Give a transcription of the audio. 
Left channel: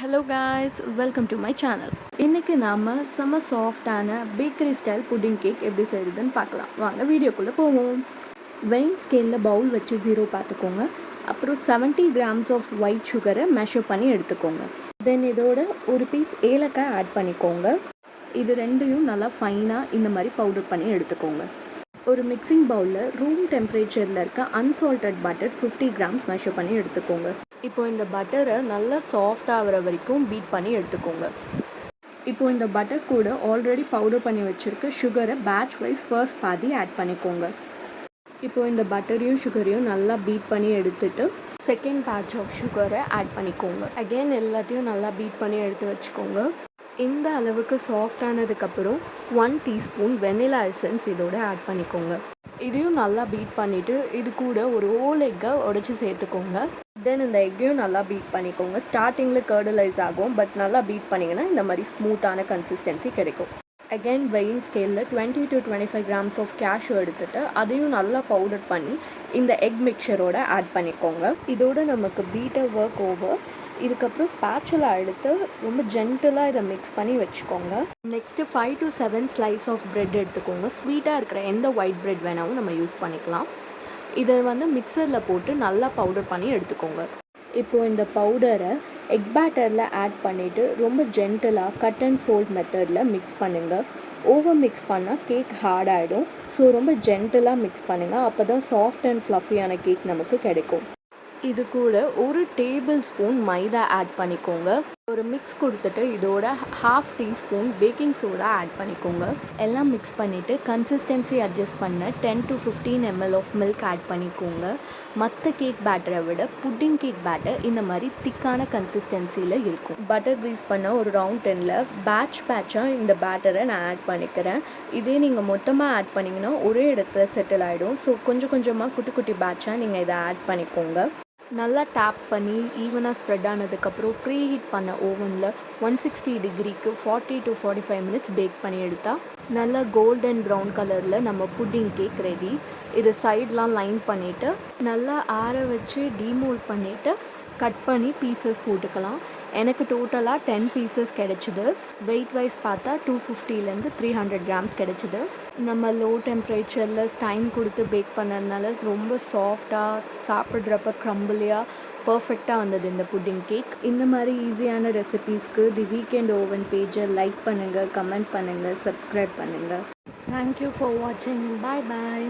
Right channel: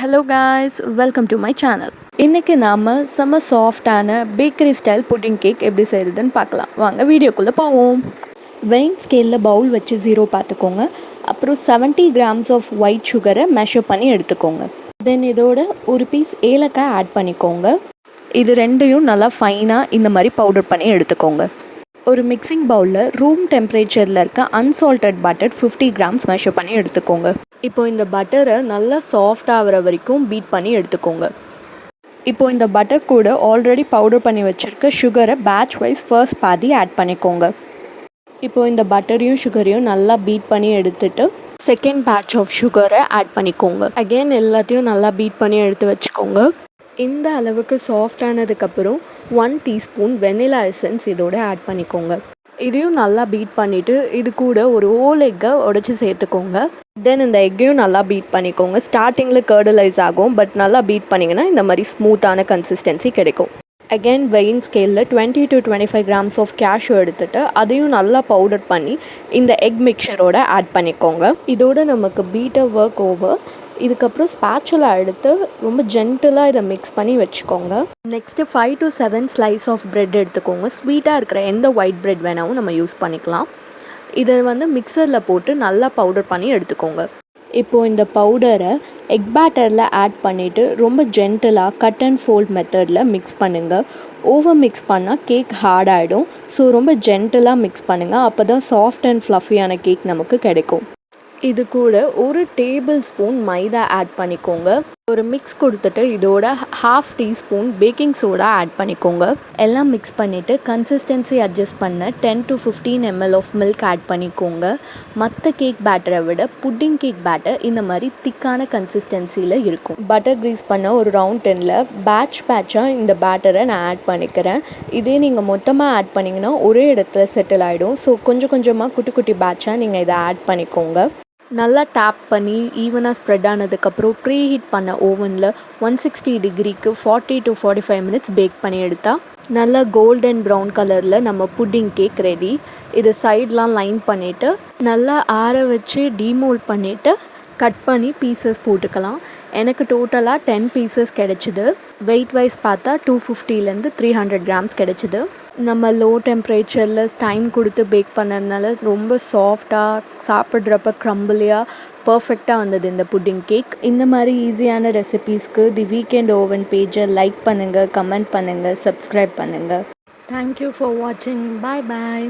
Hello guys, welcome to my channel. இன்றைக்கி நாம் செம்ம சாஃப்டான பேக்கரி ஸ்டைல் புட்டிங் கேக் எப்படி செய்கிறதுன்னு பார்க்கலாம். வாங்க வீடியோக்குள்ளே போவோம். வெயிங் ஸ்கேலில் பவுல் வச்சு 0 பார்த்துக்கோங்க. அப்புறம் 70 கிராம்ஸ் ஆஃப் ஒயிட் சுகரை மெஷர் பண்ணி எடுத்துக்கோங்க. தென் இதோட ஒரு பீஸ் ஏலக்காய் ஆட் பண்ணிக்கோங்க. இது ரெண்டையும் நல்லா ஃபைனாக இந்த மாதிரி பவுடர் பண்ணி எடுத்துக்கோங்க. ஒரு மிக்சிங் பவுலில் ரூம் டெம்பரேச்சரில் இருக்க அன்சால்டட் பட்டர் 50 கிராம்ஸ் மெஷர் பண்ணி எடுத்துக்கோங்க. இப்போ இந்த பட்டரை நல்லா சாஃப்ட் ஆகிற வரைக்கும் பீட் பண்ணி எடுத்துக்கோங்க. இப்போ இந்த பட்டர் கூட ஆல்ரெடி பவுடர் பண்ணி வச்சுருக்க சுகரை பேட்ச் வைஸ் ஃபர்ஸ்ட் பாதி ஆட் பண்ணிக்கோங்க. இப்போ இந்த பட்டரையும் சுகரையும் நல்லா பீட் பண்ணி எடுத்துட்டு செகண்ட் பேட்ச் ஆஃப் சுகரை ஆட் பண்ணிக்கோங்க. அகெயின் எல்லாத்தையும் நல்லா பீட் பண்ணி எடுத்து வச்சுக்கோங்க. இந்த அளவுக்கு சாஃப்ட் ஆனதுக்கப்புறம் 1 டீஸ்பூன் வெனிலா எசன்ஸ் இதோட ஆட் பண்ணிக்கோங்க. இதையும் நல்லா பீட் பண்ணிவிட்டு இது கூட ஒரு ஹோல் எக்கை உடச்சி சேர்த்துக்கோங்க. தென் இந்த எக்கையும் நல்லா பீட் பண்ணிக்கோங்க. ஸ்டார்டிங்கில் கர்டலைஸ் ஆகும், பட் நல்லா பீட் பண்ணிங்கன்னா இந்த மாதிரி ஸ்மூத்தான கன்சிஸ்டன்சி கிடைக்கும். அகெயின் வெயிங் ஸ்கேலில் 20 to 25 கிராம்ஸ் ஆஃப் கேஷ்யூ எடுத்துகிட்டு அதையும் நல்லா பவுடர் பண்ணி இந்த எக் மிக்சரோட ஆட் பண்ணிக்கோங்க. இதோட நமக்கு பீட்டர் ஒர்க் ஓவர். இதுக்கப்புறம் ஸ்பேச்சுலா எடுத்து ரொம்ப ஜென்டிலாக இதை மிக்ஸ் பண்ணி வச்சுக்கோங்க. Next 5 to 7 slice of bread எடுத்துக்கோங்க. ஸ்வீட்டாக இருக்கிற எந்த ஒயிட் ப்ரெட் வேணாலும் நம்ம யூஸ் பண்ணிக்கலாம். இதை மிக்சரில் போட்டு நல்லா பவுடர் பண்ணி எடுத்துக்கோங்க. இப்போது இந்த பவுடரை எக் பேட்டரில் ஆட் பண்ணிவிட்டு ரொம்ப ஜென்டிலாக கட் அண்ட் ஃபோல்ட் மெத்தடில் மிக்ஸ் பண்ணுங்கள். ஓவர் மிக்ஸ் பண்ணால் கேக் ஹார்ட் ஆகிடும். ஸோ ரொம்ப ஜென்டிலாக மிக்ஸ் பண்ணுங்கள். அப்போ தான் சாஃப்ட் அண்ட் ஃப்ளஃபியான கேக் நமக்கு கிடைக்கும். இது கூட ஒரு டேபிள் ஸ்பூன் மைதா ஆட் பண்ணிக்கோங்க. ஒரு மிக்ஸ் கொடுத்துட்டு இதோட 1/2 டீஸ்பூன் பேக்கிங் சோடா ஆட் பண்ணிக்கோங்க. எல்லாம் மிக்ஸ் பண்ணிவிட்டு கன்சிஸ்டன்சி அட்ஜஸ்ட் பண்ண 10 to 15 ml of milk add பண்ணிக்கோங்க. மற்ற கேக் பேட்டரை விட புட்டிங் கேக் பேட்டர் இந்த மாதிரி திக்கான கன்சிஸ்டன்சியில் இருக்கும். பட்டர் க்ரீஸ் பண்ண ஒரு ரவுண்ட் டென்னில் பேட்சாக இந்த பேட்டரை நான் ஆட் பண்ணிக்கிறேன். இதே நீங்கள் மொத்தமாக ஆட் பண்ணிங்கன்னா ஒரே இடத்துல செட்டில் ஆகிடும். ஸோ கொஞ்சம் கொஞ்சமாக குட்டி குட்டி பேட்சாக நீங்கள் இதை ஆட் பண்ணிக்கோங்க. நல்லா டேப் பண்ணி ஈவனாக ஸ்ப்ரெட் ஆனதுக்கப்புறம் ப்ரீ ஹீட் பண்ண ஓவனில் 160 டிகிரிக்கு 40 to 45 மினிட்ஸ் பேக் பண்ணி எடுத்தால் நல்லா கோல்டன் ப்ரௌன் கலரில் நம்ம புட்டிங் கேக் ரெடி. இது சைட்லாம் லைன் பண்ணிவிட்டு நல்லா ஆற வச்சு டீமோல்ட் பண்ணிவிட்டு கட் பண்ணி பீசஸ் போட்டுக்கலாம். எனக்கு டோட்டலாக 10 பீசஸ் கிடச்சிது. வெயிட் வைஸ் பார்த்தா 250 to 300 கிராம்ஸ் கிடச்சிது. நம்ம லோ டெம்பரேச்சரில் டைம் கொடுத்து பேக் பண்ணதுனால ரொம்ப சாஃப்டாக சாப்பிட்றப்ப க்ரம்பிளியாக பர்ஃபெக்டாக வந்தது இந்த புட்டிங் கேக். இந்த மாதிரி ஈஸியான ரெசிபீஸ்க்கு தி வீக்கெண்ட் ஓவன் பேஜை லைக் பண்ணுங்கள், கமெண்ட் பண்ணுங்கள், சப்ஸ்கிரைப் பண்ணுங்கள். தேங்க்யூ ஃபார் வாட்சிங். பாய் பாய்.